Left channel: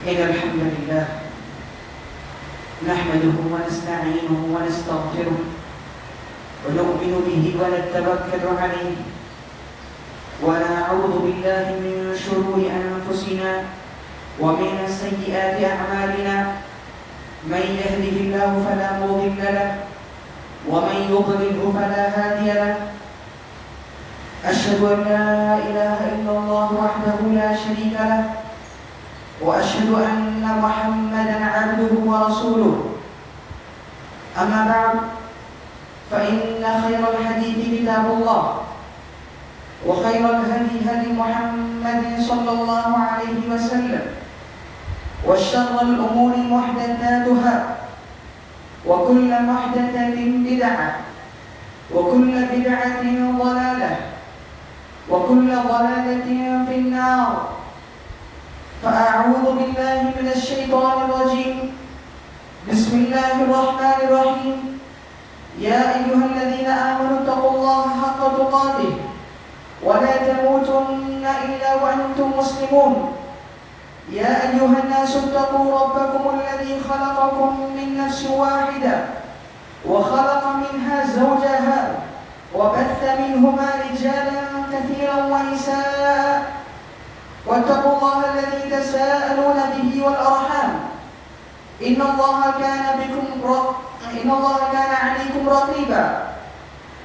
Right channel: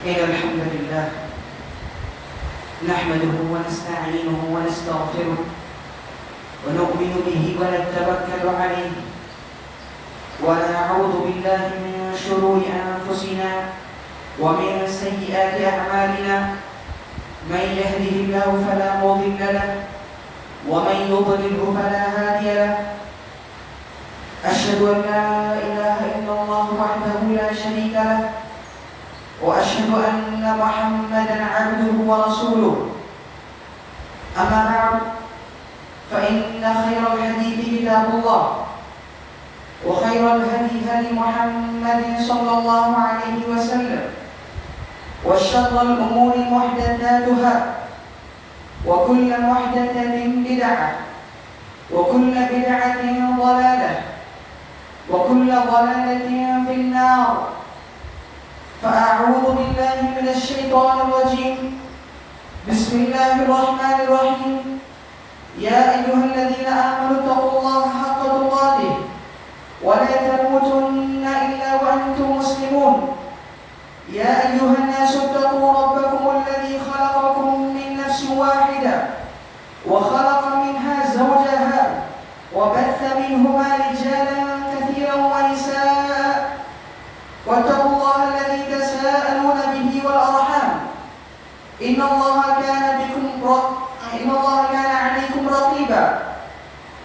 إن الحمد لله نحمده ونستعينه ونستغفره ونؤمن به ونتوكل عليه ونعوذ بالله من شرور أنفسنا ومن سيئات أعمالنا من يهده الله فلا مضل له ومن يضلله فلا هادي له أشهد أن لا إله إلا الله وحده لا شريك له وأشهد أن محمدا عبده ورسوله أما بعد فإن خير الحديث كتاب الله وخير الهدي هدي محمد صلى الله عليه وسلم وشر الأمور محدثاتها وكل محدثة بدعة وكل بدعة ضلالة وكل ضلالة في النار فأعوذ بالله من الشيطان الرجيم بسم الله الرحمن الرحيم يا أيها الذين آمنوا اتقوا الله حق تقاته ولا تموتن إلا وأنتم مسلمون يا أيها الناس اتقوا ربكم الذي خلقكم من نفس واحدة وخلق منها زوجها وبث منهما رجالا كثيرا ونساء واتقوا الله الذي تساءلون به والأرحام إن الله كان عليكم رقيبا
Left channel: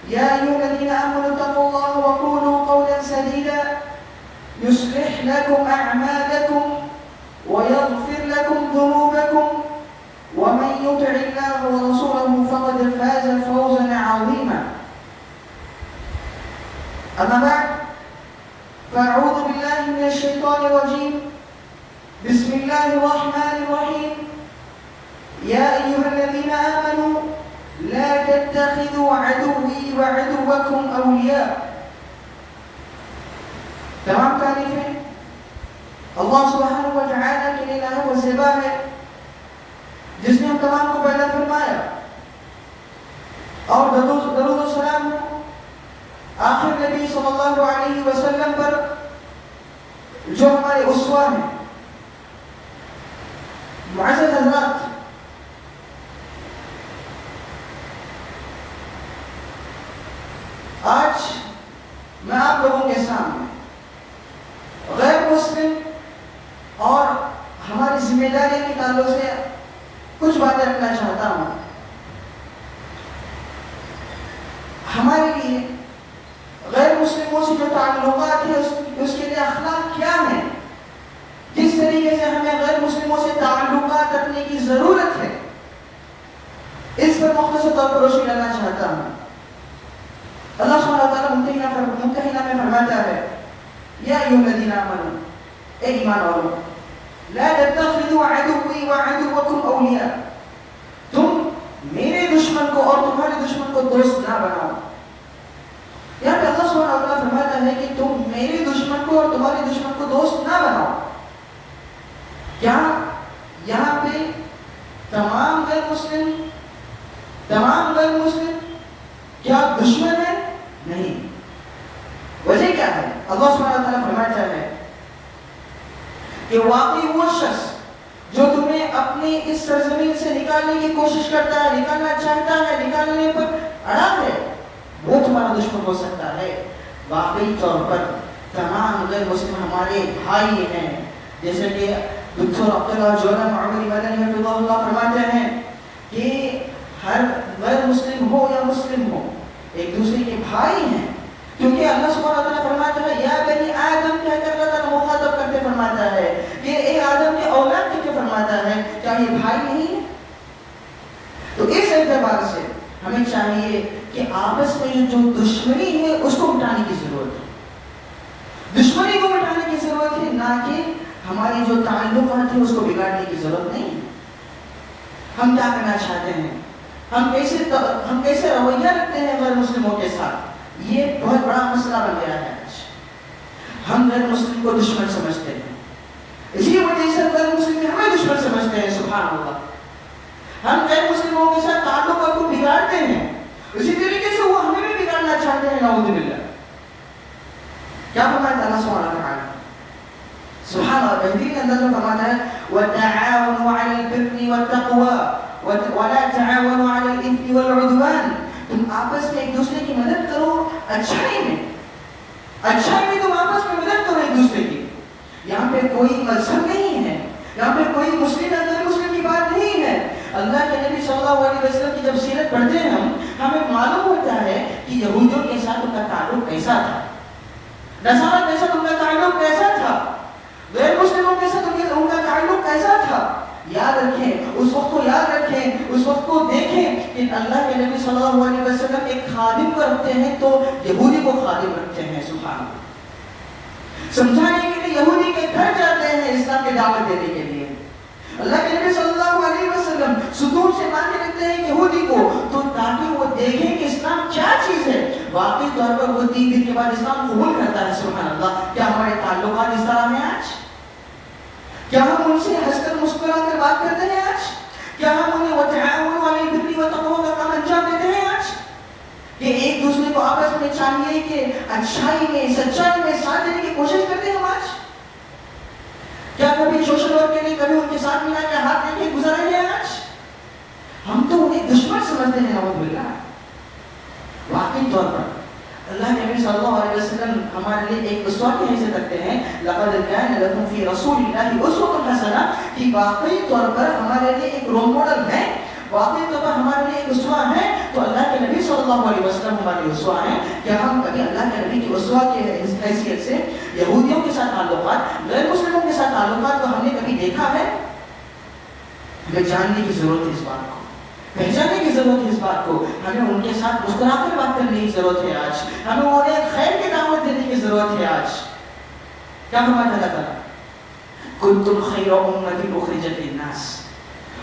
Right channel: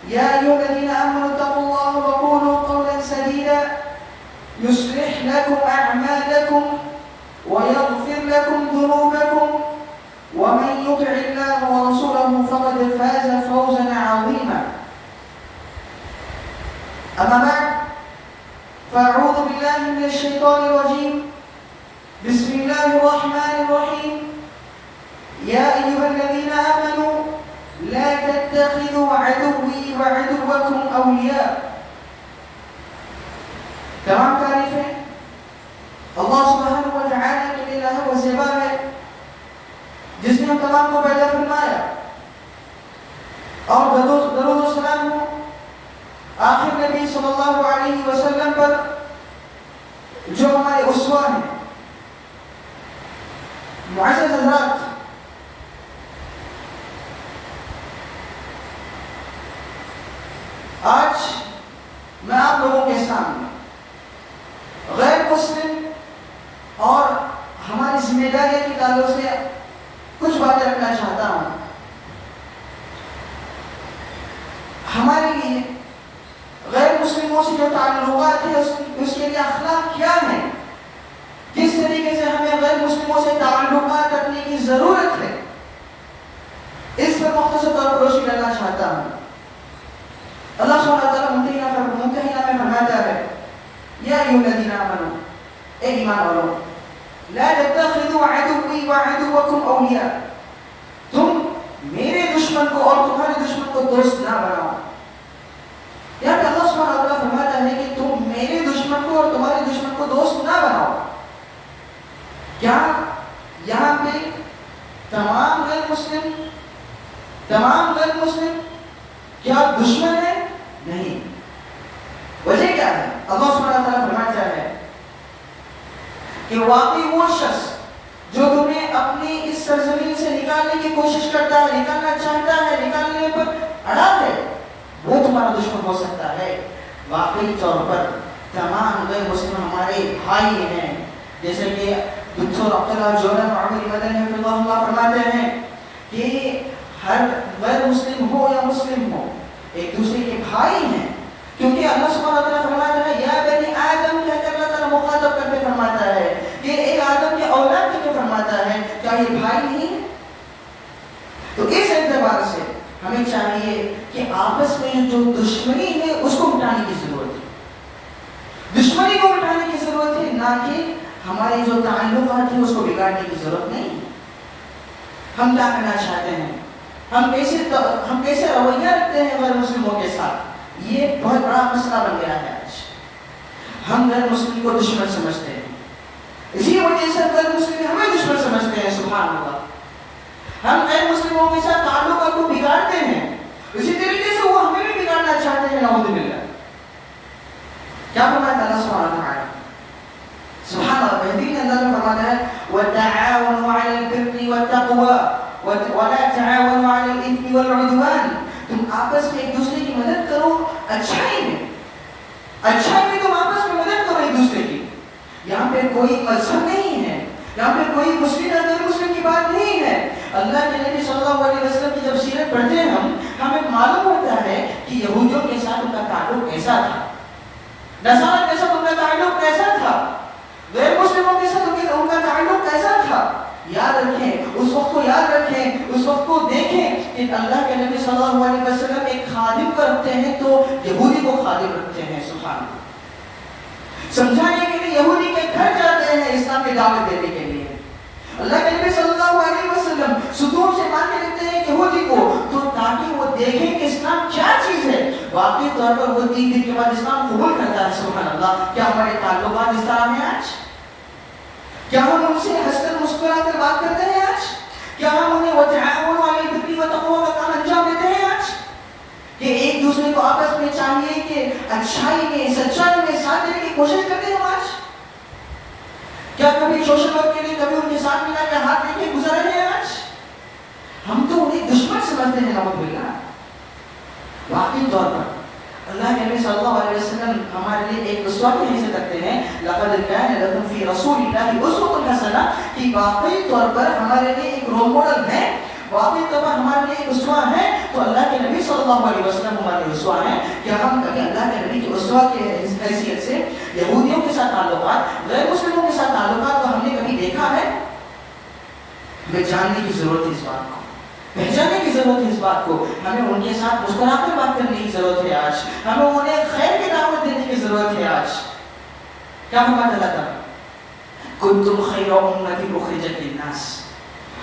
يا أيها الذين آمنوا اتقوا الله وقولوا قولا سديدا يصلح لكم أعمالكم ويغفر لكم ذنوبكم ومن يطع الله ورسوله فقد فاز فوزا عظيما أما بعد فأعوذ بالله من الشيطان الرجيم بسم الله الرحمن الرحيم يا أيها الذين آمنوا لا تتخذوا عدوي وعدوكم أولياء تمام تعریفیں اللہ سبحانہ و تعالیٰ کے لیے ہے وہ زیبا ہے جس نے ہم تمام کو پیدا فرمایا اور درود و سلام ہو آخر نبی صلی اللہ علیہ وسلم پر جو ہمارے اسوہ ہیں معزز حضرات آج میں آپ لوگوں کے سامنے غیر مسلم اور ہماری ذمہ داری کے تعلق سے کچھ باتیں رکھنا چاہتا ہوں ہمارے لیے غیر مسلموں سے جو تعلقات ہیں اس کے لیے اخلاق کیا ہے کس طریقے سے ہمیں غیر مسلموں سے تعلقات رکھنے کی ضرورت ہے اس پر مختصر طور پر روشنی ڈالنا چاہتا ہوں اللہ سبحانہ وتعالیٰ ممتحنہ میں فرماتا ہے یا ایھا الذین آمنوا اے ایمان والو لا تتخذوا عدوی وعدوکم اولیاء تم میرے دشمن کو اور تمہارے دشمن کو دوست نہ بناؤ یہاں پہ اللہ سبحانہ وتعالیٰ فرماتا ہے کہ تم میرے دشمن کو اور تمہارے دشمن کو دوست نہ بناؤ کیا یہاں پہ تمام غیر مسلم کیا دشمن ہے؟ نہیں. وجہ کیا ہے؟ اللہ سبحانہ وتعالیٰ فرماتا ہے کہ واقعی وہ شخص جو تمہیں اپنی اس سرزمین سے نکالنے کی کوشش کرتا ہے، نکالنا چاہتا ہے، نکالنے پر اڑا ہے، وہ تمہارا دشمن ہو سکتا ہے. واقعی طور پر تمام غیر مسلم ہمارے بھائی ہیں، جیسے کہ دکتور عبداللہ جوہر معمری مدنی حفظہ اللہ فرماتے ہیں کہ ہر غیر مسلم ہو یا مسلم ہو ایک دوسرے کے بھائی ہیں، کیونکہ اللہ سبحانہ وتعالیٰ فرماتا ہے یا بنی آدم کہہ کر اللہ تعالیٰ مخاطب کر کے فرماتا ہے کہ اے آدم کے اولاد کہہ کے فرماتا ہے کیا یہ بھائی نہیں ہے؟ تو اس اعتبار سے ہمیں چاہیے کہ آپس میں جو دشمنی ہے اس کو مٹانے کی ضرورت ہے، دشمنی کو مٹانے کی ضرورت ہے، نہ کہ ہمارے جو تعلقات ہیں اس کو بگاڑنے کی ضرورت نہیں ہے. ہم کیا کرنا چاہتے ہیں، ہم کیسے رویہ رکھتے ہیں غیر مسلموں کے ساتھ، یہ بہت بڑا مسئلہ بن گیا ہے. آج ہم غیر مسلم کو دشمن سمجھتے ہیں، اسی وجہ سے غیر مسلم ہمیں دشمن سمجھتے ہیں. سبحان اللہ. ہم غیر مسلموں کے ساتھ تعلقات کو بگاڑتے ہیں، اسی طریقے سے وہ ہمیں بھی بگاڑنا چاہتے ہیں. نعوذ باللہ. کیا فرماتا ہے اللہ سبحانہ وتعالیٰ؟ سبحان اللہ. بہترین انداز میں فرماتا ہے پڑھتے ہیں ہمیں معلوم ہوتا ہے کہ یہودیوں کے ساتھ ان کا تعلق کیسا تھا، نصارہ کے ساتھ ان کا تعلق کیسا تھا، غیر مسلموں کے ساتھ ان کا تعلق کیسا تھا. یاد رکھیں اس وقت کو، یاد رکھیں اس وقت کو، دیکھیں کہ اللہ کے نبی صلی اللہ علیہ وسلم ایک خادم کو رکھتے ہیں تو یہودی کو خادم رکھتے ہیں. سبحان اللہ. سمجھانے کے لیے یہودی کے گھر جاتے ہیں اسلام کی دعوت دینے کے لیے. اللہ کے نبی صلی اللہ علیہ وسلم صدور سے ماننے لگتے ہیں یہودی کو، تو تاکہ وہ دیکھیں کہ اسلام کیا چیز ہے. واقعی طور پر وہ 3 دن کے بعد اسلام قبول کرتا ہے. سبحان اللہ. کیا ہمارے تعلقات اس طرح ہیں آج؟ کیا ہم ان سے ہنس کر مسکرا کر بات کرتے ہیں آج؟ کیا ہم انہیں وتعاونوا علی البر والتقوی کا کام انجام دیتے ہیں آج؟ کہ ایک دوسرے کو آپس میں چاہیے کہ اچھائی میں، سچائی میں ساتھ دینے کی کوشش کرتے ہیں آج؟ کیا کبھی سوشل ورک کے لیے کبھی ان کے ساتھ ملا کے ہاتھ دے کے گزر رہے ہیں آج؟ ہم تو انہیں دشمن سمجھتے ہیں. نعوذ باللہ. واقعی طور پر اللہ کے نبی صلی اللہ علیہ وسلم ہمارے لیے ایک اسوہ کی حیثیت رکھتے ہیں. لقد كان لكم في رسول الله اسوة حسنة. کہ واقعی طور پر ہمارے لیے ایک رول ماڈل ہے، واقعی طور پر ہمارے لیے ایک اسوہ ہے. تو اللہ کے نبی صلی اللہ علیہ وسلم ہمارے لیے اسوہ ہیں. کیا ہم کبھی اللہ کے نبی کے اسوہ کی حیثیت سے یہودیوں کے ساتھ تعلقات، غیر مسلموں کے ساتھ تعلقات کو ہم نے کبھی دیکھا ہے؟ ہمیں جاننے کی ضرورت ہے اس بات کو، پہچاننے کی ضرورت ہے اس بات کو. ہمیں ان کے ساتھ مسکرا کر بات کرنے کی ضرورت ہے آج. ہمیں انہیں خیر کی دعوت دینے کی ضرورت ہے آج. کیا فرماتا اللہ تعالیٰ؟ کنتم خیر امۃ اخرجت للناس.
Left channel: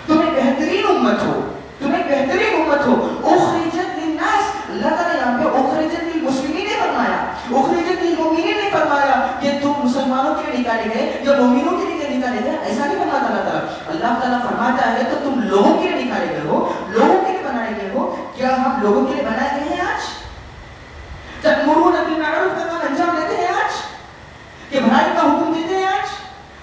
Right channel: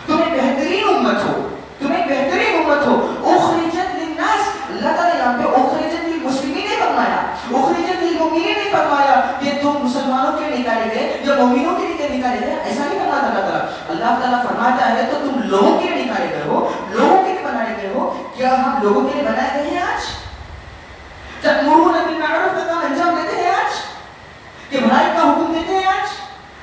تمہیں بہترین امت ہو، تمہیں بہترین امت ہو. اخرجت للناس. اللہ تعالیٰ یہاں پہ اخرجت للمسلمین نے فرمایا، اخرجت للمؤمنین نے فرمایا کہ تم مسلمانوں کے لیے نکالے گئے یا مومنوں کے لیے نکالے گئے. ایسا نہیں فرماتا اللہ تعالیٰ. اللہ تعالیٰ فرماتا ہے تو تم لوگوں کے لیے نکالے گئے ہو، لوگوں کے لیے بنائے گئے ہو. کیا ہم لوگوں کے لیے بنائے گئے ہیں آج؟ تأمرون بالمعروف کا کام انجام دیتے ہیں آج؟ کہ بھلائی کا حکم دیتے ہیں آج؟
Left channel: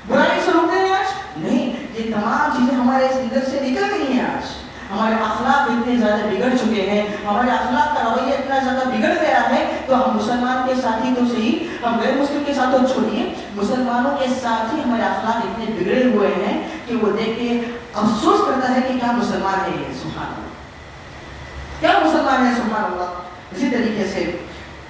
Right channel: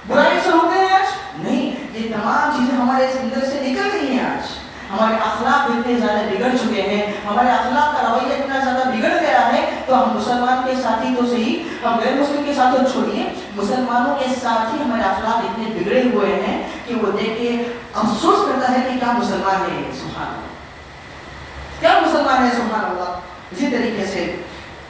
برائی سے روکتے ہیں آج؟ نہیں. یہ تمام چیزیں ہمارے اندر سے نکل گئی ہیں آج. ہمارے اخلاق اتنے زیادہ بگڑ چکے ہیں، ہمارے اخلاق کا رویہ اتنا زیادہ بگڑ گیا ہے. تو ہم مسلمان کے ساتھی تو صحیح، ہم غیر مسلم کے ساتھ تو چھوڑیے، مسلمانوں کے ساتھ ہی ہمارے اخلاق اتنے بگڑے ہوئے ہیں کہ وہ دیکھ کے افسوس کرتا ہے کہ کیا مسلمان ہے یہ. سبحان اللہ. کیا مسلمان ہے. سبحان اللہ. اسی طریقے سے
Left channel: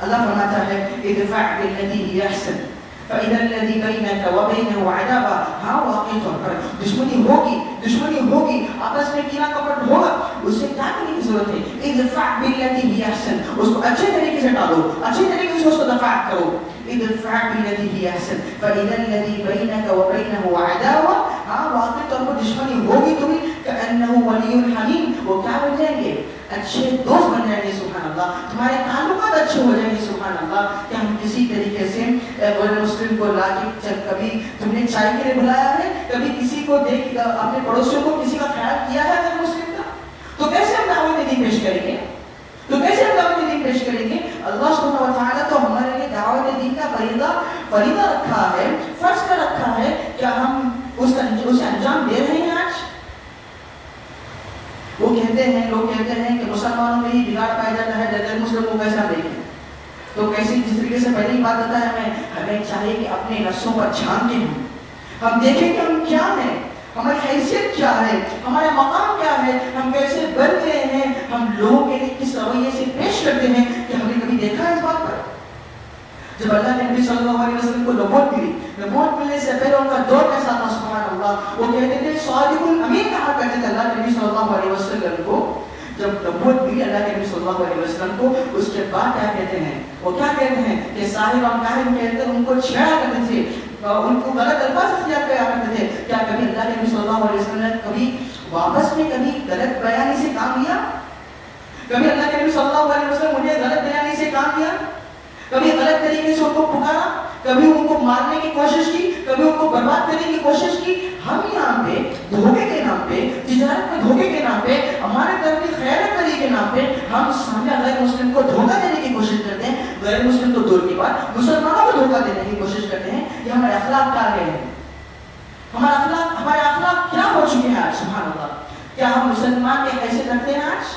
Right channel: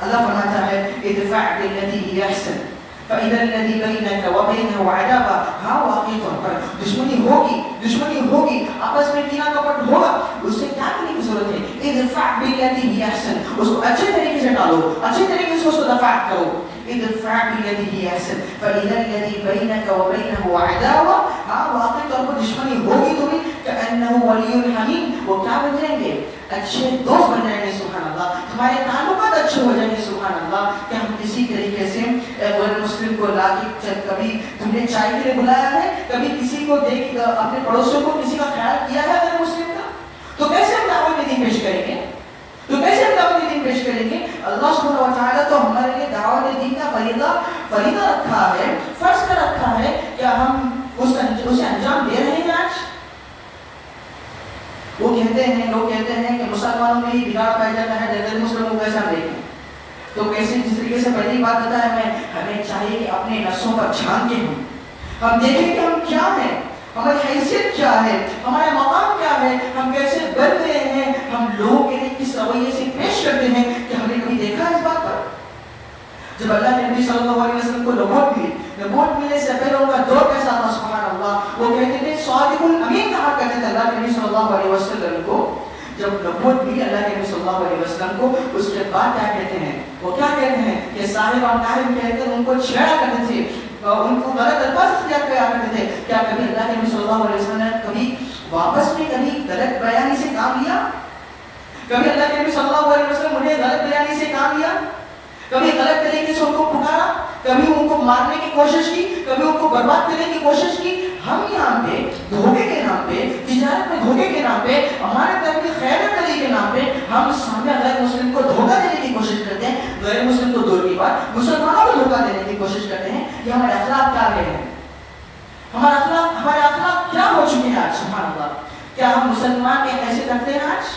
اللہ فرماتا ہے ادفع بالذی هی احسن فإذا الذی بینک وبینہ عداوہ. ہاں واقعی طور پر دشمنی ہوگی، دشمنی ہوگی، آپس میں کینہ کپٹ ہوگا. اسے کیا کرنے کی ضرورت ہے؟ ادفع بالذی هی احسن. اس کو اچھے طریقے سے ڈالو، اچھے طریقے سے اس کو دفاع کرو. ادفع بالذی هی احسن فإذا الذی بینک وبینہ عداوہ. ہاں واقعی طور پر دشمنی ہوگی تو بھی کأنہ ولی حمیم. وہ کیا بن جائیں گے؟ اچھے دوست بن جائیں گے. سبحان اللہ. تمہارے تعلقات اچھے ہو جائیں گے. سبحان اللہ. کہ ہم کسی طریقے سے غیر مسلم کو لا کے کبھی تم نے چائے کے لیے بلایا ہے، کبھی کسی کو دیکھ اپنے پڑوسیوں کو کسی کا خیال کیا ہے غیر مسلم کا، تو کیسے ہم دعوت دین پیش کریں گے؟ تو کیسے ہم دعوت دین پیش کریں گے؟ اللہ سبحانہ و تعالیٰ تو ہمارے لیے دعوت دین کا فریضہ رکھا ہے، فرض کا رکھا ہے. کیا ہم اسے انجام دے رہے ہیں آج؟ وہ کہتے ہیں، لوگ کہتے ہیں کہ مسلمانوں میں ہی بگاڑ پایا جاتا ہے، غیر مسلموں کو کیسا دیکھیں. تو کیسے جس طریقے سے پہلی بات بتایا ہمیں چاہیے کہ اپنے نفسوں پر جھانکیں، ہم دیکھیں کہ ہم کیا ہیں، ہماری حیثیت کیا ہے، ہمارا مقام کیا ہے، ہم کیسے بن رہے ہیں، ہم لوگوں کے لیے کس رویے سے پیش کرتے ہیں. کہ ہم نے کبھی دیکھا اس بات پر؟ جب اللہ کے نبی صلی اللہ علیہ وسلم کو نبوت ملی، نبوت ملنے سے پہلے ان کا دور کیسا تھا؟ سبحان اللہ. وہ کہتے تھے صادق الامین کہا کرتے تھے اللہ کے نبی صلی اللہ علیہ وسلم کو. جب نبوت ملی اللہ کے نبی صلی اللہ علیہ وسلم کو، اس کے بعد کیا کہتے ہیں؟ وہ کیا کہتے ہیں کہ صاحب کاہم کہتے ہیں ان کو چھیڑا کرتے تھے، ان کو غلط الفاظ اختیار کیا کرتے تھے. کیا کبھی اللہ کے نبی صلی اللہ علیہ وسلم نے کبھی واپس میں کبھی غلط بیانی سے کام لیا؟ کبھی اللہ کے نبی صلی اللہ علیہ وسلم انہیں غلط بیانی سے کام لیا؟ کبھی غلط طریقے سے ان کو پکارا؟ کبھی ان کو مارنے کی کوشش کی؟ کبھی ان کو برباد کرنے کی کوشش کی؟ ہم یہاں پہ دھوکے کے نام پہ، تجارت میں دھوکے کے نام پہ، ہمارے گھر کی خیانت کرنے کے نام پہ ہم سامنے غیر مسلم کو دھوکہ دینے کی کوشش کرتے ہیں. غیر مسلم تو دور کی بات، مسلمانوں کو دھوکہ دینے کی کوشش کرتے ہیں. یہ ہمارے اخلاق کیا رہے ہیں؟ ہمارے اخلاق کیا ہو چکے ہیں آج؟ سبحان اللہ. کیا ہم مسلمان کی حیثیت رکھتے ہیں آج؟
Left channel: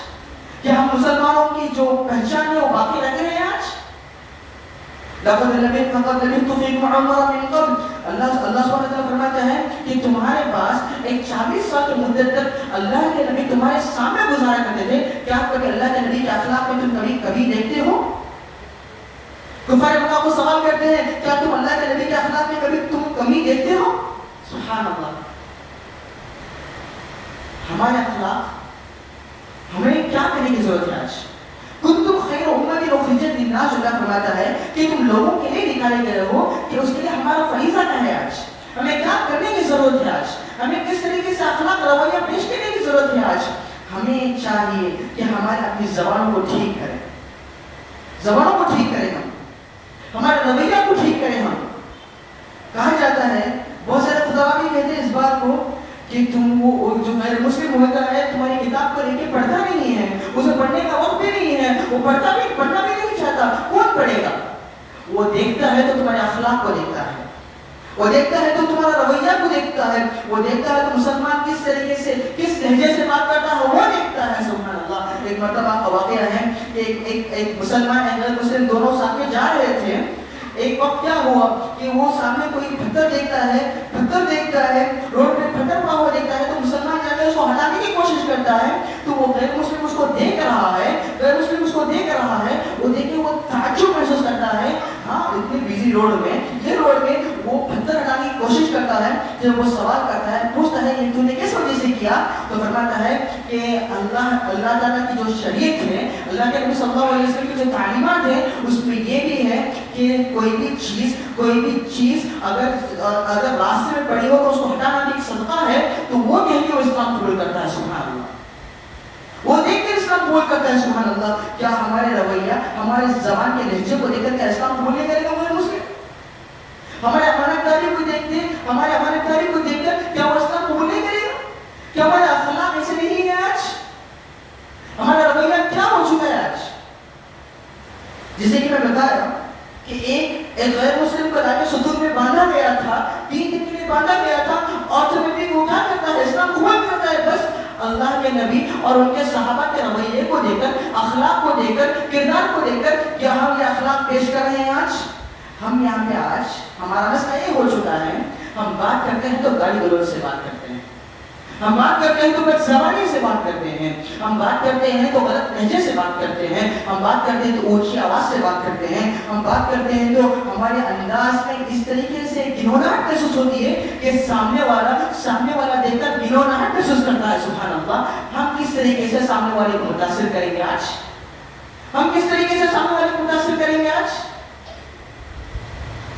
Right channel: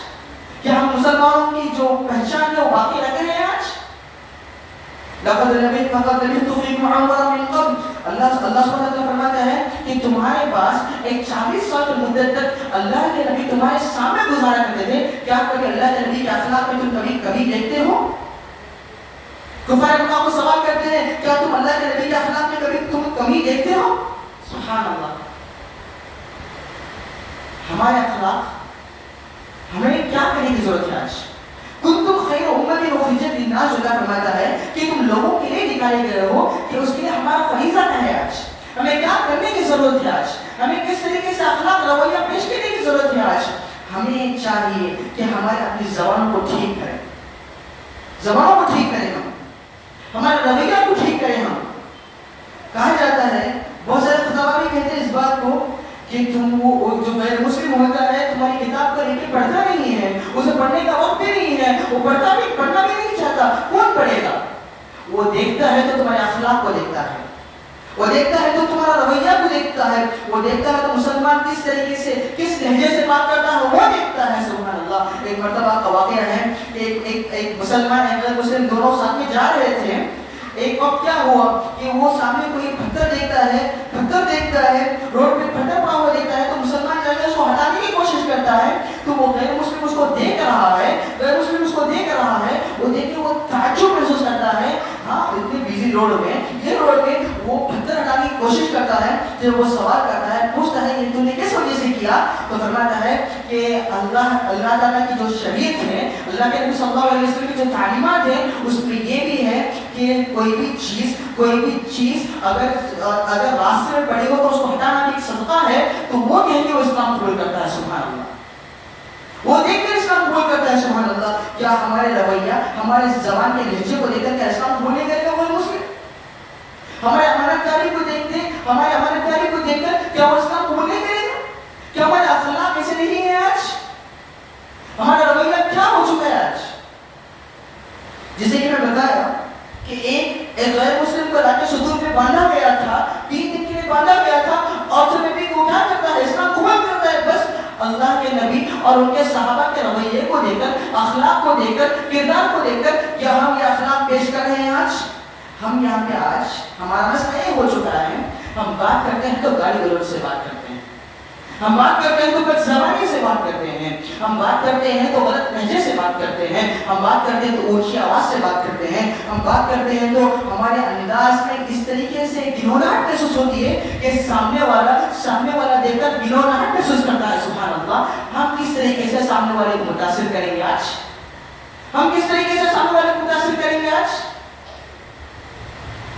کیا ہم مسلمانوں کی جو پہچان ہے وہ باقی رکھ رہے ہیں آج؟ لقد لبثت فيكم عمرا من قبل. اللہ سبحانہ وتعالیٰ فرماتا ہے کہ تمہارے پاس ایک 40 سال کی مدت تک اللہ کے نبی تمہارے سامنے گزارا کرتے تھے. کیا کیا کبھی اللہ کے نبی کے اخلاق میں تم کبھی دیکھتے ہو؟ کفار اللہ کو سوال کرتے ہیں کیا تم اللہ کے نبی کے اخلاق میں تم کمی دیکھتے ہو؟ سبحان اللہ. ہمارے اخلاق ہمیں کیا کرنے کی ضرورت ہے آج؟ کنتم خیر امت اخرجت للناس، اللہ فرماتا ہے کہ تم لوگوں کے لیے نکالے گئے ہو، کہ اس کے لیے ہمارا فریضہ کیا ہے آج؟ ہمیں کیا کرنے کی ضرورت ہے آج؟ ہمیں کس طریقے سے اخلاق رویہ پیش کرنے کی ضرورت ہے آج؟ ہمیں چاہیے کہ ہمارے اپنی زبان کو ٹھیک کریں، زبانوں کو ٹھیک کریں، ہمارے رویہ کو ٹھیک کریں. ہم کہا جاتا ہے، بہت سارے خطبہ بھی کہتے ہیں اس بات کو کہ تم وہ جو غیر مسلم ہوتا ہے تمہاری کتاب کو لے کے پڑھتا نہیں ہے، اسے پڑھنے کا وقت بھی نہیں ہے، وہ پڑھنا بھی نہیں چاہتا. کون پڑھے گا؟ وہ دیکھتا ہے تو تمہارے اخلاق کو دیکھتا ہے، وہ دیکھتا ہے تو تمہارا رویہ کو دیکھتا ہے، وہ دیکھتا ہے تو مسلمان کس طریقے سے کس لہجے سے بات کرتا ہے وہ دیکھتا ہے. سبحان اللہ. ایک مرتبہ کا واقعہ ہے کہ ایک مسلمان غیر مسلم دونوں ساتھ میں جا رہے تھے. ایک وقت کیا ہوا کہ وہ سامنے کوئی پتھر دیکھتا ہے روڈ پہ پتھر پڑا ہوا دیکھتا ہے تو مسلمان جا کے اس کو ہٹانے کی کوشش کرتا ہے. تو وہ غیر مسلم اس کو دیکھ رہا ہے، وہ دیکھ کے وہ تعجب محسوس کرتا ہے. ہاں اتنی بیزی روڈ میں وہ پتھر ہٹانے کی کوشش کرتا ہے. جب وہ سوال کرتا ہے، پوچھتا ہے کہ تم نے کس وجہ سے کیا، تو فرماتا ہے کہ اللہ تعالیٰ کی جو شریعت ہے، اللہ کے نبی صلی اللہ علیہ وسلم کی جو تعلیمات ہیں، اس میں یہ بھی ہے کہ کوئی بھی چیز اگر راستے میں پڑی ہو تو اس کو ہٹانا بھی ایک صدقہ ہے. تو وہ کہہ کے وہ اسلام قبول کرتا ہے. سبحان اللہ. وہ دیکھ کر اسلام قبول کرتا ہے. سبحان اللہ. کیا ہمارے رویہ، ہمارے زبان کے لہجے کو لے کر کیا اسلام قبول نہیں کرے گا وہ مسلم؟ ہمارے تاریخ کو دیکھتے ہمارے تاریخ کو دیکھ کر کیا وہ اسلام قبول نہیں کرے گا؟ کیا ہمارے اخلاق ایسے نہیں ہے آج؟ ہمارا رویہ کیا ہو چکا ہے آج؟ جیسے کہ میں بتایا کہ ایک غیر مسلم کو لا کے ستون میں باندھا گیا تھا، 3 دن کے لیے باندھا گیا تھا، اور جب بھی وہ کیا کرتا ہے، اسلام قبول کرتا ہے. بس اللہ کے نبی اور ان کے صحابہ کے رویے کو دے کر، اخلاق کو دے کر، کردار کو دے کر کیا ہم یہ اخلاق پیش کر رہے ہیں آج؟ ہم یہاں پہ آج ہمارا مسئلہ یہ ہو چکا ہے، ہم بات کرتے ہیں تو گالی گلوچ سے بات کرتے ہیں، ہم بات کرتے ہیں تو بد زبانی سے بات کرتے ہیں، ہم بات کرتے ہیں تو غلط لہجے سے بات کرتے ہیں، ہم بات کرتے ہیں تو اونچی آواز سے بات کرتے ہیں، ہم بات کرتے ہیں تو ہمارے انداز میں اس طریقے سے گنوناہٹ محسوس ہوتی ہے کہ سامنے والا دیکھ کر گنوناہٹ محسوس کرتا ہے. سبحان اللہ. ہم کس طریقے سے سامنے والے کو متاثر کریں گے آج؟ ہم کس طریقے سے سامنے والے کو متاثر کریں گے آج؟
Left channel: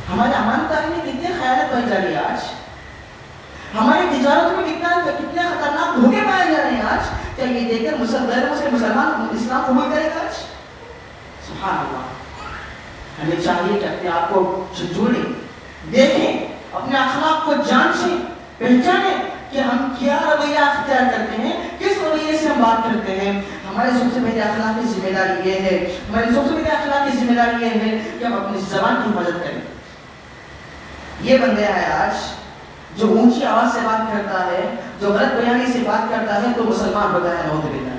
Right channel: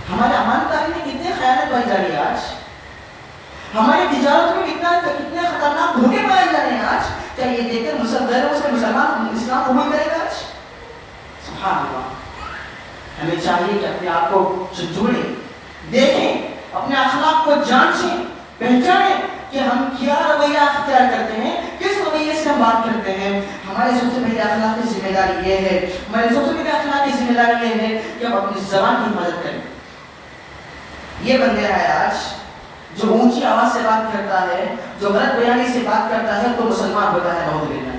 ہمارے امانتداری میں کتنے خیانت پائی جا رہی ہے آج؟ ہماری تجارت میں کتنے خطرناک دھوکے پائے جا رہے ہیں آج؟ کیا یہ دیکھ کر مسلمان اسلام قبول کرے گا آج؟ سبحان اللہ. ہمیں چاہیے کہ اپنے آپ کو جوڑیں، دیکھیں، اپنے اخلاق کو جانچیں، پہچانیں کہ ہم کیا رویہ اختیار کرتے ہیں، کس رویے سے ہم بات کرتے ہیں. ہمارے سب سے پہلے اخلاق کی ذمہ داری یہ ہے، کہ ہم اپنی زبان کی حفاظت کریں. یہ بن گیا ہے آج جو اونچی آواز سے بات کرتا ہے، جو غلط بیانی سے بات کرتا ہے تو مسلمان ہوتا ہے. نعوذ باللہ.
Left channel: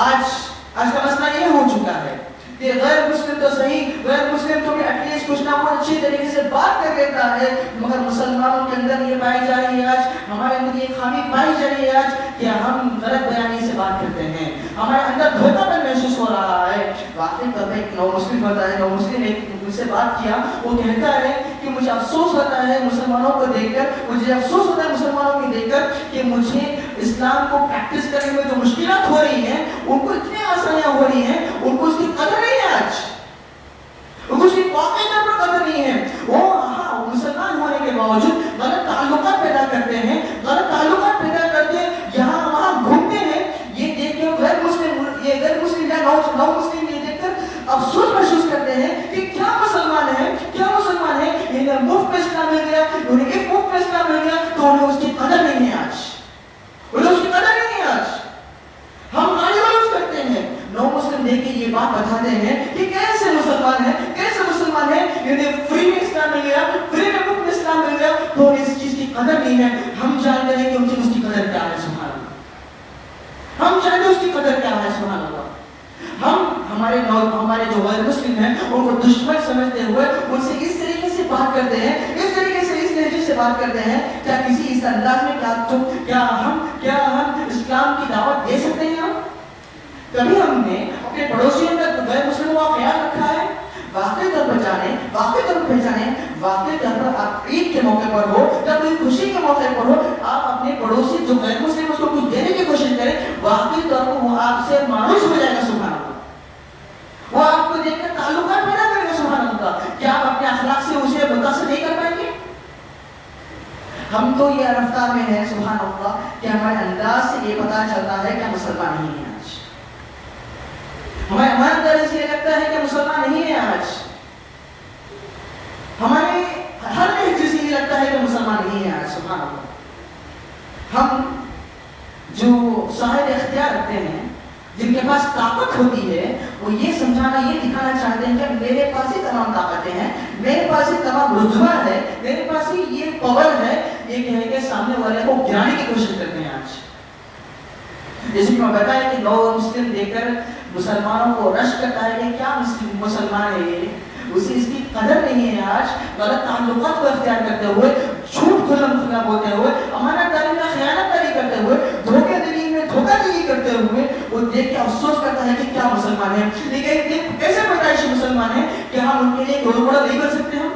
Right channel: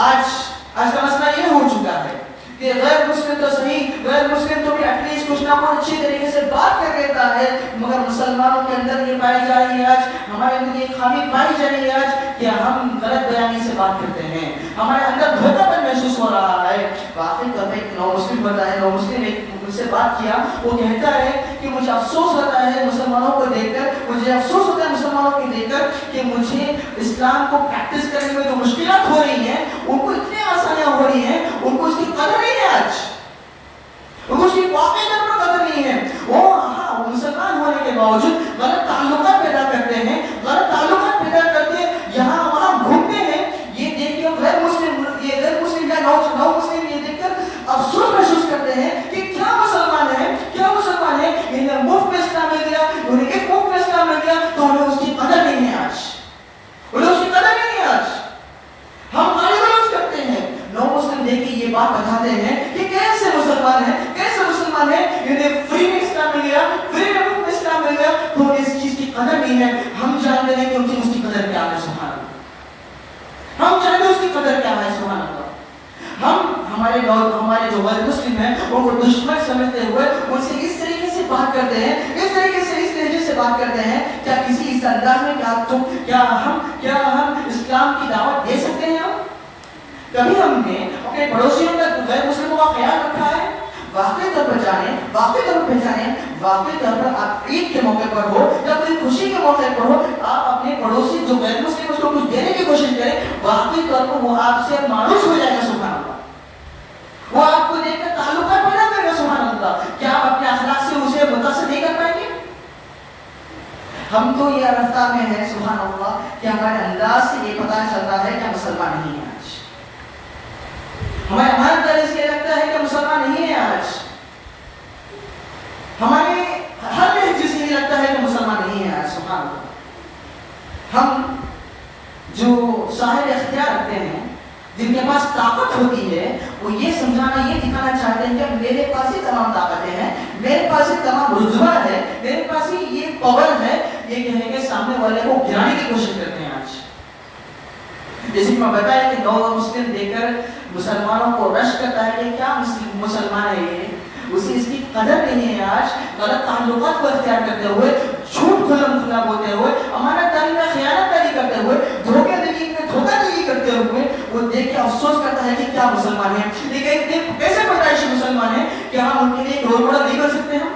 آج کا مسئلہ یہ ہو چکا ہے کہ غیر مسلم تو صحیح، غیر مسلم تو بھی ایٹ لیسٹ کچھ نہ کچھ اچھی طریقے سے بات کر دیتا ہے، مگر مسلمانوں کے اندر یہ پائی جا رہی ہے آج، ہمارے اندر یہ خامی پائی جا رہی ہے آج کہ ہم غلط بیانی سے بات کرتے ہیں، ہمارے اندر دھوکہ پن محسوس ہو رہا ہے. واقعی طور پہ ایک نو مسلم ہوتا ہے، نو مسلم ایک مجھ سے بات کیا، وہ کہتا ہے کہ مجھے افسوس ہوتا ہے مسلمانوں کو دیکھ کر، مجھے افسوس ہوتا ہے مسلمانوں کو دیکھ کر کہ مجھے اسلام کو پریکٹس کرنے میں جو مشکلات ہو رہی ہیں ان کو اتنی آسانیاں ہو رہی ہیں، ان کو اس کی قدر نہیں ہے آج، ان کو اس کی واقعی قدر نہیں ہے. وہ مسلمان ہونے کے باوجود غلط تعلقات پیدا کرتے ہیں، غلط تعلقات پیدا کر کے یہاں وہاں گھومتے ہیں. یہ دیکھ کے غیر مسلم یا نو مسلم یہ دیکھ کر افسوس محسوس کرتے ہیں کہ کیا مسلمان ہے، انہیں مفت میں اسلام مل گیا، انہیں ایک مفت میں اسلام مل گیا تو انہیں اس کی قدر نہیں ہے آج، انہیں اس کی قدر نہیں ہے آج. ہم گالی گلوچ کرتے ہیں. نو مسلم دیکھ کے یہ بات بتاتے ہیں کہ کیسے مسلمان ہیں، انہیں فری میں اسلام مل گیا، فری میں مفت میں اسلام مل گیا تو اس چیز کی قدر نہیں ہے. ہم جانتے ہیں کہ ان کی اس کی قدر کیا ہے. سبحان اللہ. ہم جانتے ہیں اس کی قدر کیا ہے. سبحان اللہ. ہم ہمارے جو غیر مسلم ہیں ان کو دشمن سمجھتے ہوئے ان سے اس طریقے سے بات کرتے ہیں، اس طریقے سے اس لہجے سے بات کرتے ہیں، کیا کسی اس انداز میں کیا ہم اسلام کی دعوت دے سکتے ہیں؟ کبھی ہم نے اپنے پڑوسیوں کا غیر مسلموں کا خیال رکھا ہے؟ واقعی طور پر جانیں، واقعی طور پر آپ عید کے موقع پر ہو یا کوئی خوشی کے موقع پر ہو، آپ اپنے پڑوسی جو غیر مسلم اس کو کچھ دینے کی کوشش کریں، واقعی طور پر وہ آپ سے مانوس ہو جائے گا، سبحان اللہ، وہ آپ کو دیکھ کر تعلقات بنا کرے گا، سبحان اللہ۔ کیا آپ اپنے اخلاق سے اسے متاثر نہیں کر پائیں گے؟ ہم تو یہ رفتار میں ہے، سبحان اللہ، کہ ہمارے انداز سے یہ پتہ چلتا ہے کہ مسلمان نہیں ہے آج، ہمارے اندر اس لیے لگتا ہے کہ مسلمان نہیں ہے آج، ہمارے ہر لہجے سے یہ لگتا ہے کہ مسلمان نہیں ہے آج، سبحان اللہ۔ ہم جو صاحب اختیار رکھتے ہیں، جن کے پاس طاقت ہوتی ہے، وہ یہ سمجھانا، یہ دکھانا چاہتے ہیں کہ میرے پاس ہی تمام طاقتیں ہیں، میرے پاس ہی تمام رتبہ ہے، میرے پاس ہی یہ پاور ہے، یہ کہنے کے سامنے والے کو گرانے کی کوشش کرتے ہیں آج۔ جیسے میں بتایا کہ نو مسلم دے کر مسلمانوں کو رش کرتا ہے کہ کیا مسلمان ہے یہ، اسے اس کی قدر نہیں ہے آج، غلط تعلقات کو اختیار کرتے ہوئے، جھوٹ کھلا بولتے ہوئے، امانت داری میں خیانت داری کرتے ہوئے، دھوکے دہی میں دھوکہ دہی کرتے ہوئے، وہ دیکھ کے افسوس کرتا ہے کہ کیا مسلمان ہے، لیکن کیسے پیدائشی مسلمان ہے، کیا ہم ان کے لیے ایک رول ماڈل نہیں بن سکتے؟ ہم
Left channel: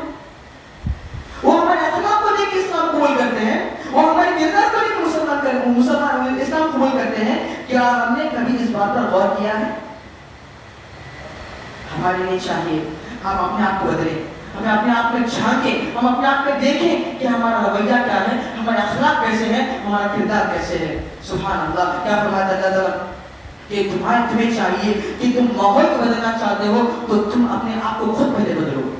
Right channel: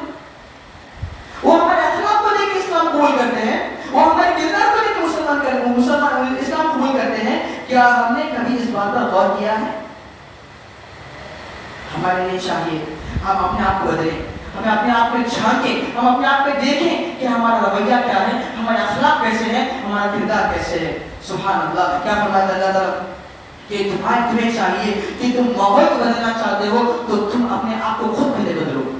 وہ ہمارے اخلاق کو دیکھ کے اسلام قبول کرتے ہیں، وہ ہمارے کردار کو دیکھ کے مسلمان اسلام قبول کرتے ہیں، کیا ہم نے کبھی اس بات پر غور کیا ہے؟ ہمارے لیے چاہیے ہم اپنے آپ کو بدلیں، ہمیں اپنے آپ میں جھانکیں، ہم اپنے آپ میں دیکھیں کہ ہمارا رویہ کیا ہے، ہمارے اخلاق کیسے ہیں، ہمارا کردار کیسے ہے، سبحان اللہ۔ کیا فرماتا ہے اللہ تعالیٰ کہ تمہیں چاہیے کہ تم ماحول کو بدلنا چاہتے ہو تو تم اپنے آپ کو خود پہلے بدلو۔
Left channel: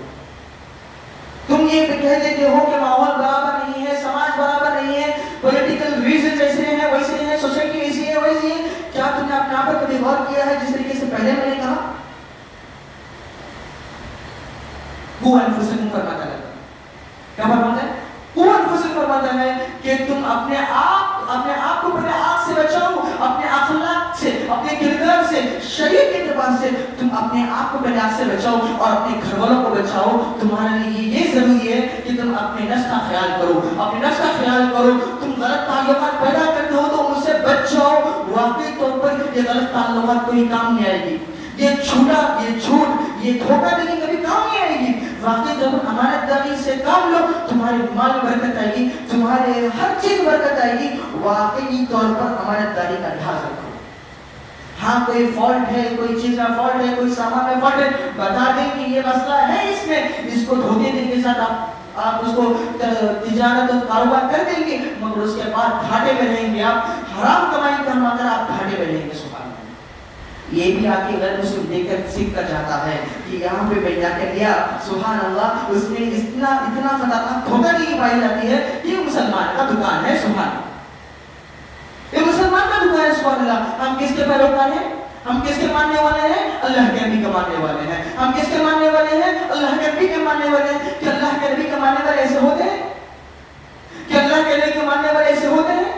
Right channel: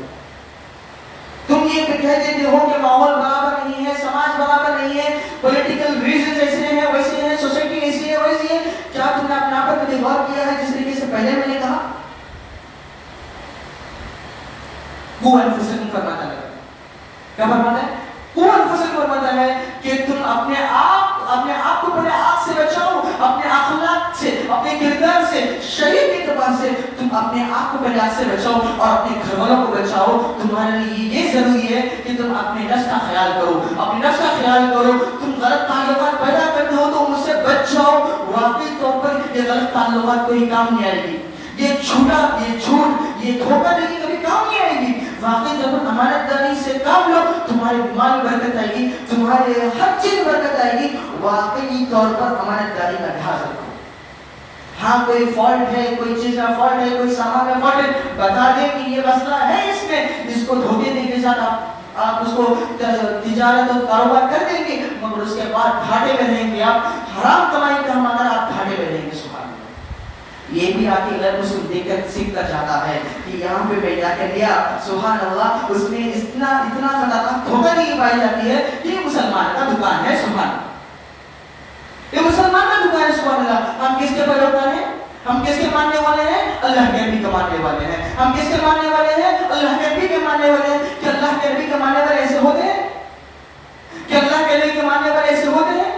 تم یہ کہہ دیتے ہو کہ ماحول برابر نہیں ہے، سماج برابر نہیں ہے، پولیٹیکل ریزن ایسے ہیں ویسے ہیں، سوسائٹی ایسی ہے ویسی ہے، کیا تم نے اپنے آپ پر کبھی غور کیا ہے جس طریقے سے پہلے میں نے کہا؟ قوا انفسکم فرماتا ہے، کیا فرماتا ہے؟ قوا انفسکم فرماتا ہے کہ تم اپنے آپ کو پہلے آگ سے بچاؤ، اپنے اخلاق سے، اپنے کردار سے، شریعت کے اعتبار سے تم اپنے آپ کو پہلے آگ سے بچاؤ اور اپنے گھر والوں کو بچاؤ۔ تمہارے لیے یہ ضروری ہے کہ تم اپنے نفس کا خیال کرو، اپنے نفس کا خیال کرو۔ تم غلط تعلقات پیدا کرتے ہو تو ان سے بچ جاؤ، واقعی طور پر یہ غلط تعلقات کوئی کام نہیں آئے گی، یہ جھوٹا، یہ جھوٹ، یہ دھوکہ دہی کبھی کام نہیں آئے گی۔ واقعی طور پر ہمارے دین سے کام لو، تمہارے مال برکت آئے گی، تمہارے ہر چیز برکت آئے گی۔ واقعی طور پر ہمارے دین کا لحاظ رکھو۔ ہاں کوئی فالٹ ہے، کوئی چیز کا فالٹ ہے، کوئی سامان میں فالٹ ہے، بتا دیں کہ یہ مسئلہ ہے اس میں، اس کو دھوکے دے کے ساتھ آپ اس کو تجارت اور کاروبار کر دیں گے، مگر اس کے بعد گھاٹے میں رہیں گے، آپ حرام کمائی کا مگر آپ گھاٹے میں رہیں گے۔ سبحان اللہ، یہ بھی آپ کے غیر مسلم دیکھ کر سیکھتا جاتا ہے کہ یہاں پہ میں جا کر لیا، سبحان اللہ، اس میں اتنا خطرناک دھوکہ نہیں پائی جاتی ہے، یہ مسلمان کا دکان ہے، سبحان اللہ، یہ مسلمان کا دکان ہے، سبحان اللہ۔ ہم کس کے پیروکار ہیں؟ ہم کس کے ماننے والے ہیں؟ اللہ کے نبی کے ماننے والے ہیں۔ ہم کس کے ماننے والے ہیں؟ اللہ کے نبی کے ماننے والے ہیں۔ کہ اللہ کے نبی کے ماننے والے ایسے ہوتے ہیں؟ کہ اللہ کے نبی کے ماننے والے ایسے ہوتے ہیں؟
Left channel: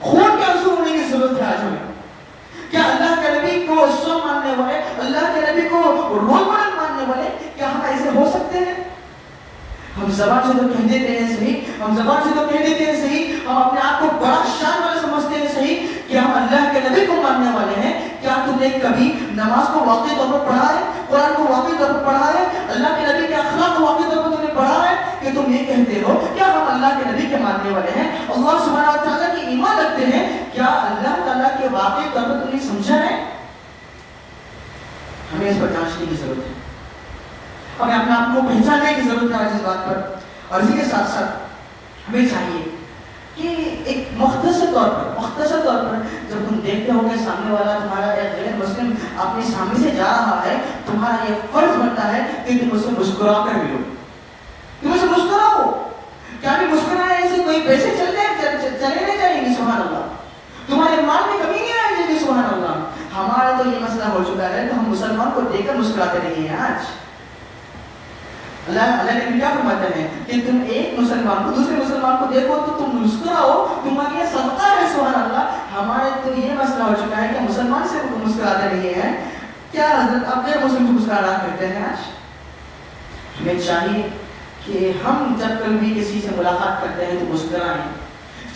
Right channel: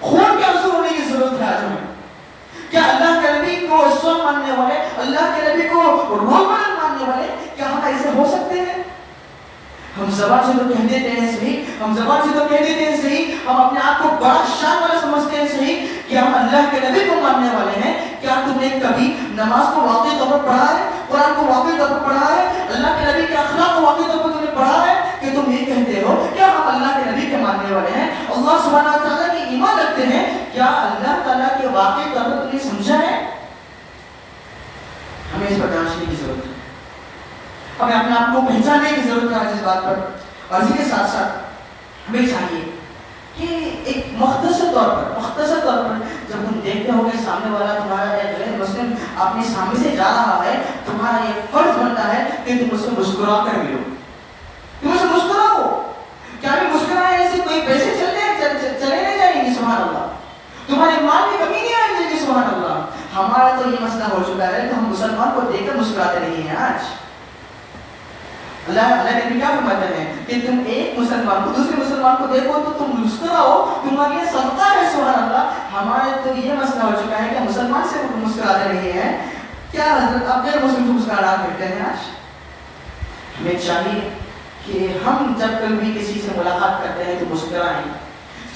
خون کے رسول ہونے کی ضرورت ہے آج ہمیں۔ کیا اللہ کے نبی کو رسول ماننے والے، اللہ کے نبی کو رول ماڈل ماننے والے، کیا ہم ایسے ہو سکتے ہیں؟ ہم زبان سے تو کہہ دیتے ہیں صحیح، ہم زبان سے تو کہہ دیتے ہیں صحیح، ہم اپنے آپ کو بڑا شان والا سمجھتے ہیں صحیح کہ ہم اللہ کے نبی کو ماننے والے ہیں۔ کیا تم نے کبھی نماز کو واقعی طور پر پڑھا ہے، قرآن کو واقعی طور پر پڑھا ہے، اللہ کے نبی کے اخلاق کو واقعی طور پر تم نے پڑھا ہے کہ تم یہ کہتے ہو کیا ہم اللہ کے نبی کے ماننے والے ہیں، اللہ سبحانہ و تعالیٰ کی ایمان رکھتے ہیں؟ کیا اللہ تعالیٰ کے واقعی طور پر تم نے سمجھا ہے؟ ہمیں اس پر جانچنے کی ضرورت ہے، ہمیں اپنے آپ کو پہچاننے کی ضرورت ہے اس بات پر۔ اور اسی کے ساتھ ساتھ ہمیں چاہیے کہ ایک مختصر طور پر جب تم دیکھتے ہو کہ سامنے والا تمہارا ایک غیر مسلم اپنے سامنے سے جا رہا ہے، تمہارا یہ فرض بنتا ہے کہ تم اسے مسکرا کر ملو، تم اسے مسکراؤ۔ کیا بھی مسکرائے ایسے کوئی پیسے چلے نہیں جائیں گے، سبحان اللہ، تمہارے مال میں کمی نہیں آئے گی، سبحان اللہ۔ ہمارا تو یہ مسئلہ ہو چکا ہے کہ ہم مسلمان کو دیکھ کر مسکراتے نہیں ہیں آج۔ اللہ نے کیا فرماتے ہیں کہ تم ایک مسلمان کو دوسرے مسلمان کو دیکھو تو تم مسکراؤ، تمہارا یہ صدقہ ہے، سبحان اللہ۔ ہمارے تو یہ مسئلہ ہو چکا ہے کہ مسلمان سے مسکراتے نہیں ہیں، کیا حضرت آپ غیر مسلم کو مسکرانا کرتے ہیں آج؟ ہمیں چاہیے کہ ہم جب کبھی کسی سے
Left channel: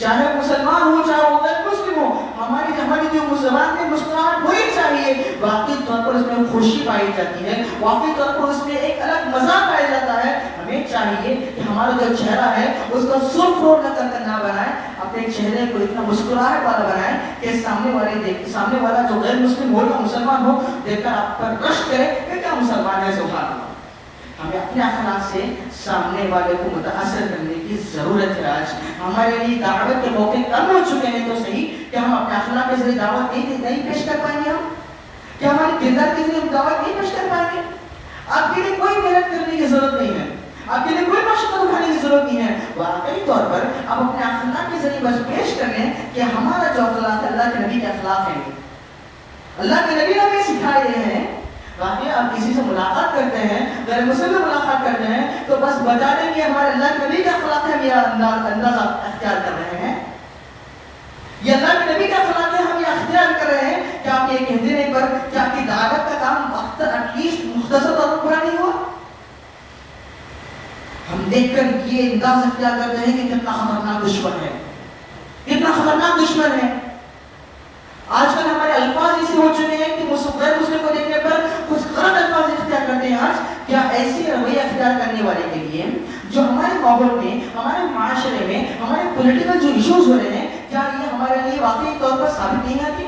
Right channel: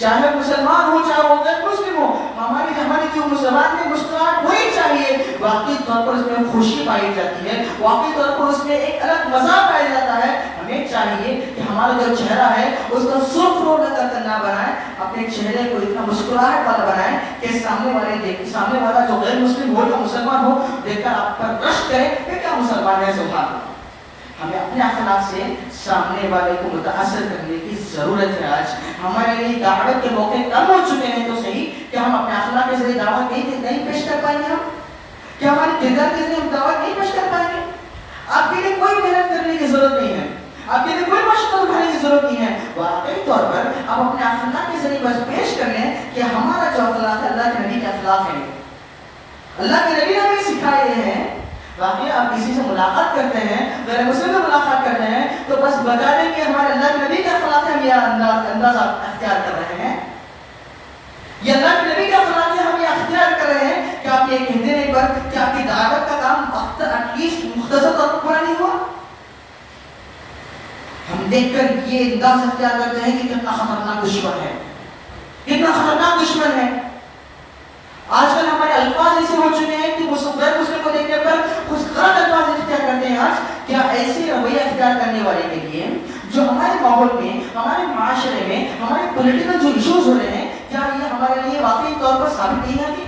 چاہے مسلمان ہو چاہے وہ غیر مسلم ہو، ہماری جو مسلمان میں مسکراہٹ ہونی چاہیے، واقعی طور پر اس میں خوشی پائی جاتی ہے، واقعی طور پر اس میں ایک الگ مزہ پایا جاتا ہے۔ ہمیں چاہیے کہ ہمارا جو چہرہ ہے اس کو سرخ رو کر نہ بنائیں، اپنے چہرے کو اتنا مسکراہٹ والا بنائیں کہ سامنے والا جو غیر مسلم ہو یا مسلمان ہو دیکھ کر آپ پر رشک کرے کہ کیا مسلمان ہے، سبحان اللہ۔ ہمیں اپنے اخلاق سے سامنے والے کو متاثر کرنے کی ضرورت ہے۔ آج ہمارے لیے دعوت کے موقع کم ہو چکے ہیں تو صحیح، کہ ہم اپنے اخلاق کے ذریعے دعوت نہیں پیش کر پائیں گے، ہم کیا ہمارے کردار کے ذریعے ہم دعوت نہیں پیش کر پائیں گے؟ آپ کے لیے کوئی محنت کرنے کی ضرورت نہیں ہے، آپ کے لیے کوئی مشقت اٹھانے کی ضرورت نہیں ہے، واقعی طور پر آپ اپنے اخلاق کے ذریعے بس پیش کر لیں کہ ہمارا جو اخلاق ہے اللہ کے نبی کے اخلاق ہے، اللہ کے نبی نے ہمیں سکھائے ہیں۔ باقی آپ کسی سے ملاقات کرتے ہیں، غیر مسلم سے ملاقات کرتے ہیں تو بس بتا دیں کہ ہمارے اللہ کے نبی کا اخلاق ہے، ہم یہ انداز اختیار کر رہے ہیں، یہ اللہ کے نبی کا اخلاق ہے، ہم یہ اختیار کر رہے ہیں کہ آپ یہ کہتے نہیں پر کہ آپ کی دعوت کا کام ایٹ لیسٹ مختصر طور پر پورا نہیں ہوا۔ ہم دیکھ کر یہ انداز اختیار کرتے ہیں کہ کتنا خطرناک دشمن ہے، کتنا خطرناک دشمن ہے۔ آج کل ہمارے الفاظ ایسے ہو چکے ہیں کہ غیر مسلم کو دیکھنے پر کچھ غلط الفاظ اختیار کرتے ہیں۔ آج کیا ایسے رویہ اختیار کرنے والے کے لیے جو ہمارے ماحول میں، ہمارے معاشرے میں، ہمارے پولیٹیکل جو ایشوز ہو رہے ہیں، کیا یہ ہمارے لیے واقعی طور پر ثابت نہیں آتی؟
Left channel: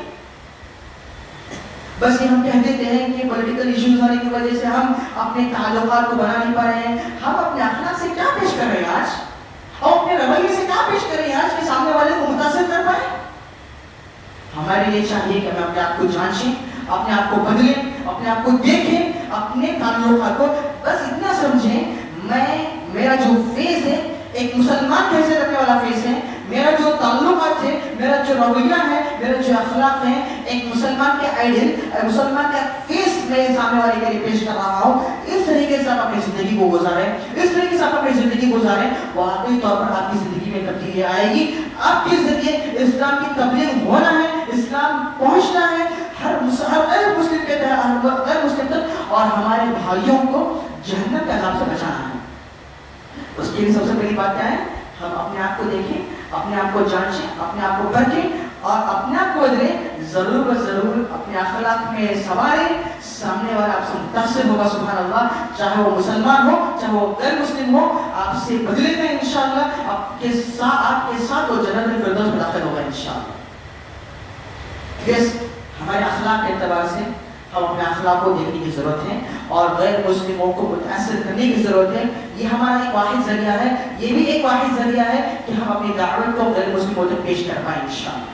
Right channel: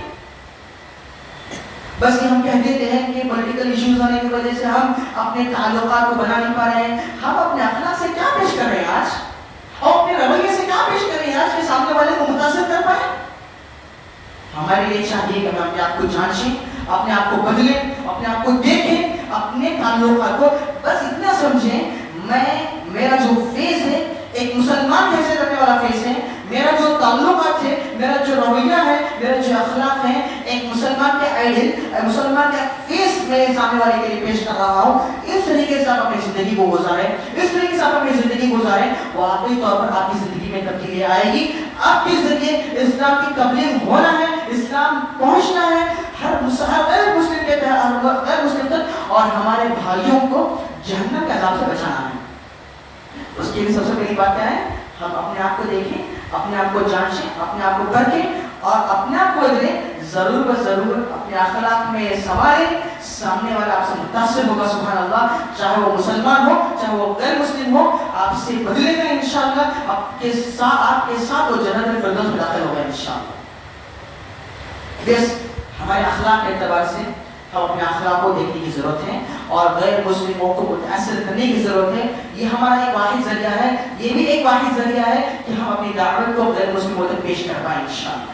بس یہ ہم کہہ دیتے ہیں کہ پولیٹیکل ایشوز ہونے کی وجہ سے ہم اپنے تعلقات کو بنا نہیں پا رہے ہیں۔ ہم اپنے اخلاق سے کیا پیش کر رہے ہیں آج، اور اپنے رویے سے کیا پیش کر رہے ہیں آج کہ سامنے والے کو متاثر کر پائے؟ ہمارے لیے چاہیے کہ ہم اپنے آپ کو جانچیں، اپنے آپ کو بدلیں، اپنے آپ کو دیکھیں، اپنے تعلقات کو بس اتنا سمجھیں میرا جو فیس ہے ایک مسلمان کیسے رکھنے والا فیس ہے، میرا جو تعلقات ہے، میرا جو رویہ ہے، میرا جو اخلاق ہے، ایک مسلمان کے آئیڈیل، مسلمان کا فیس میں سامنے والے کے لیے پیش کر رہا ہوں۔ اس طریقے سے آپ اپنی زندگی کو گزاریں، اس طریقے سے آپ اپنی زندگی گزاریں، واقعی طور پر آپ کی زندگی میں تبدیلی آئے گی۔ آپ کے ذریعے اسلام کی تبلیغ ہونا ہے، اسلام پہنچنا ہے ہر غیر مسلم کے غیر مسلم تک، اور ہمارے بھائیوں کو جہنم کے عذاب سے بچانا ہے۔ اس کے لیے سب سے پہلی بات کیا ہے؟ ہم اپنے آپ کو دیکھیں، اپنے آپ کو جانچیں، اپنے آپ کو پرکھیں اور اپنے آپ کو بدلیں۔ ضرور و ضرور اپنے اخلاق میں سنواریں، سامنے والا آپ سے متاثر ہوگا، سبحان اللہ، چاہے وہ مسلمان ہو چاہے وہ غیر مسلم ہو، آپ سے بدلے گا انشاءاللہ، آپ کے ساتھ وہ جنت الفردوس میں داخل ہوگا انشاءاللہ۔ بس ہمارے اخلاق کے اعتبار سے ہم اپنے اخلاق کو دیکھنے کی ضرورت ہے اور غیر مسلموں کو متاثر کرنے کی ضرورت ہے۔ یہ ہمارا ایک واحد ذریعہ ہے، یہ بھی ایک واحد ذریعہ ہے کہ ہم اپنی دعوت کو غیر مسلموں تک پیش کر پائیں انشاءاللہ،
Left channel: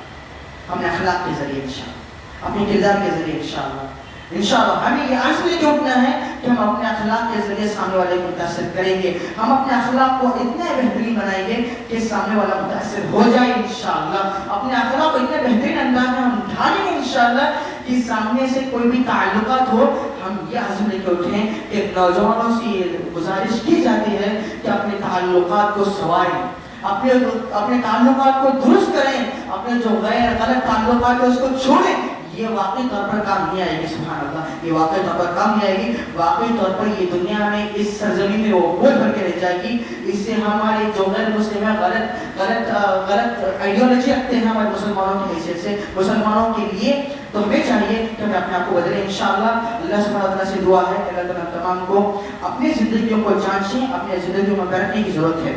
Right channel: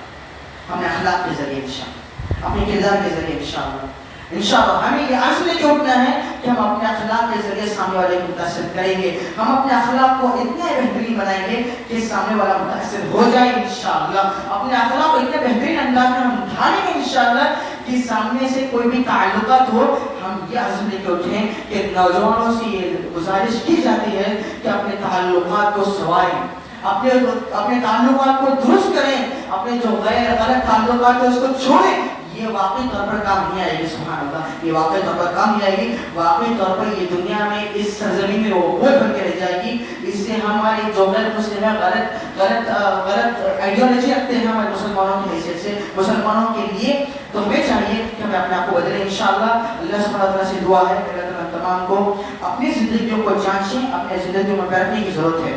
اپنے اخلاق کے ذریعے انشاءاللہ، اپنے کردار کے ذریعے انشاءاللہ ہمیں یہ عزم لے کے اٹھنا ہے کہ ہم اپنے اخلاق کے ذریعے سامنے والے کو متاثر کریں گے، ہم اپنے اخلاق کو اتنے بہترین بنائیں گے کہ سامنے والا متاثر ہو جائے انشاءاللہ، اپنے اخلاق کو اتنے بہترین انداز میں ہم اٹھائیں گے انشاءاللہ کہ سامنے سے کوئی بھی تعلقات ہو، ہم یہ عزم لے کے اٹھیں کہ نوجوانوں سے یہ گزارش کی جاتی ہے کہ اپنے تعلقات کو سنواریں، اپنے تعلقات کو درست کریں، اپنے جو غیر غلط تعلقات ہیں اس کو چھوڑیں۔ یہ واقعی طور پر کام نہیں آئے گی، سبحان اللہ، یہ واقعی طور پر کام نہیں آئے گی، واقعی طور پر یہ دنیا میں اس سرزمین میں وہ بوجھ بن کے رہ جائے گی۔ اس سے ہماری جو غیر مسلم ہے غلط آئیڈیالوجی رکھتے ہیں ہمارے مسلمانوں کی حیثیت سے، مسلمانوں کے لیے، تو ہمیں چاہیے کہ ہمیں اپنے آپ کو بدلیں انشاءاللہ۔ اللہ سبحانہ وتعالیٰ سے دعا ہے کہ اللہ تعالیٰ تمام کو اپنی زندگیوں کو جانچیں، اپنی زندگیوں میں بیٹھنے کی ضرورت ہے،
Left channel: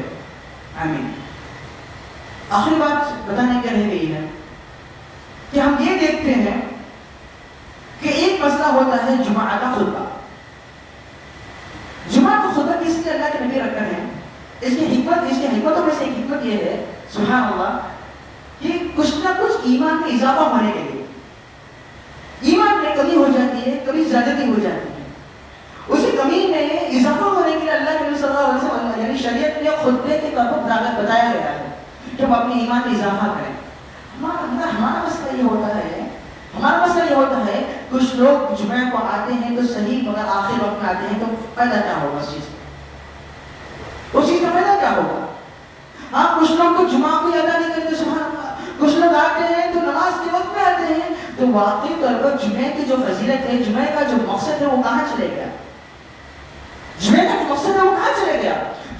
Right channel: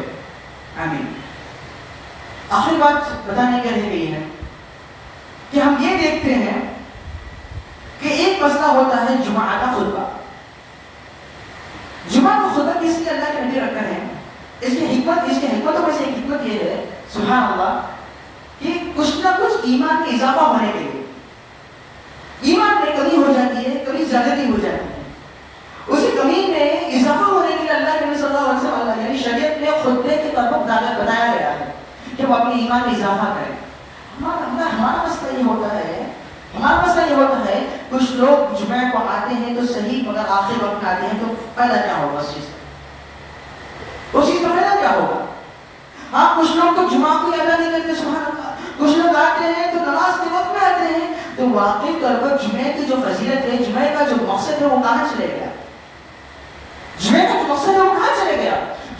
آمین۔ آخری بات بتانے کے رہ گئی ہے کہ ہم یہ دیکھتے ہیں کہ ایک مسئلہ ہوتا ہے جمعہ کا خطبہ۔ جمعہ کا خطبہ کس لیے اللہ کے نبی رکھ رہے ہیں؟ اس کی حکمتوں میں سے ایک حکمت یہ ہے، سبحان اللہ، کہ کچھ نہ کچھ ایمان میں اضافہ ہونے کے لیے، ایمان میں کمی ہو جاتی ہے، کبھی زیادتی ہو جاتی ہے، اسی کمی میں اضافہ ہونے کے لیے اللہ کے نبی صلی اللہ علیہ وسلم یعنی شریعت میں خطبے کی طرف دعوت بتایا گیا ہے کہ ہم اپنے ایمان میں اضافہ کریں۔ ہمارا مسئلہ یہ ہوتا ہے کچھ لوگ جمعہ کو آتے ہیں تو صحیح، مگر آخر وقت میں آتے ہیں تو فائدہ کیا ہوگا اس چیز کا فائدہ کیا ہوگا؟ ہاں، کچھ لوگ تو جمعہ کو ادا نہیں کرتے، سبحان اللہ، کچھ لوگ آتے ہیں تو نماز کے وقت میں آتے ہیں، تو واقعی طور پر جمعہ کی جو فضیلت ہے، جمعہ کا جو مقصد ہے وہ کہاں چلے گیا؟ جمعہ کا جو مقصد ہے وہ کہاں چلے گیا؟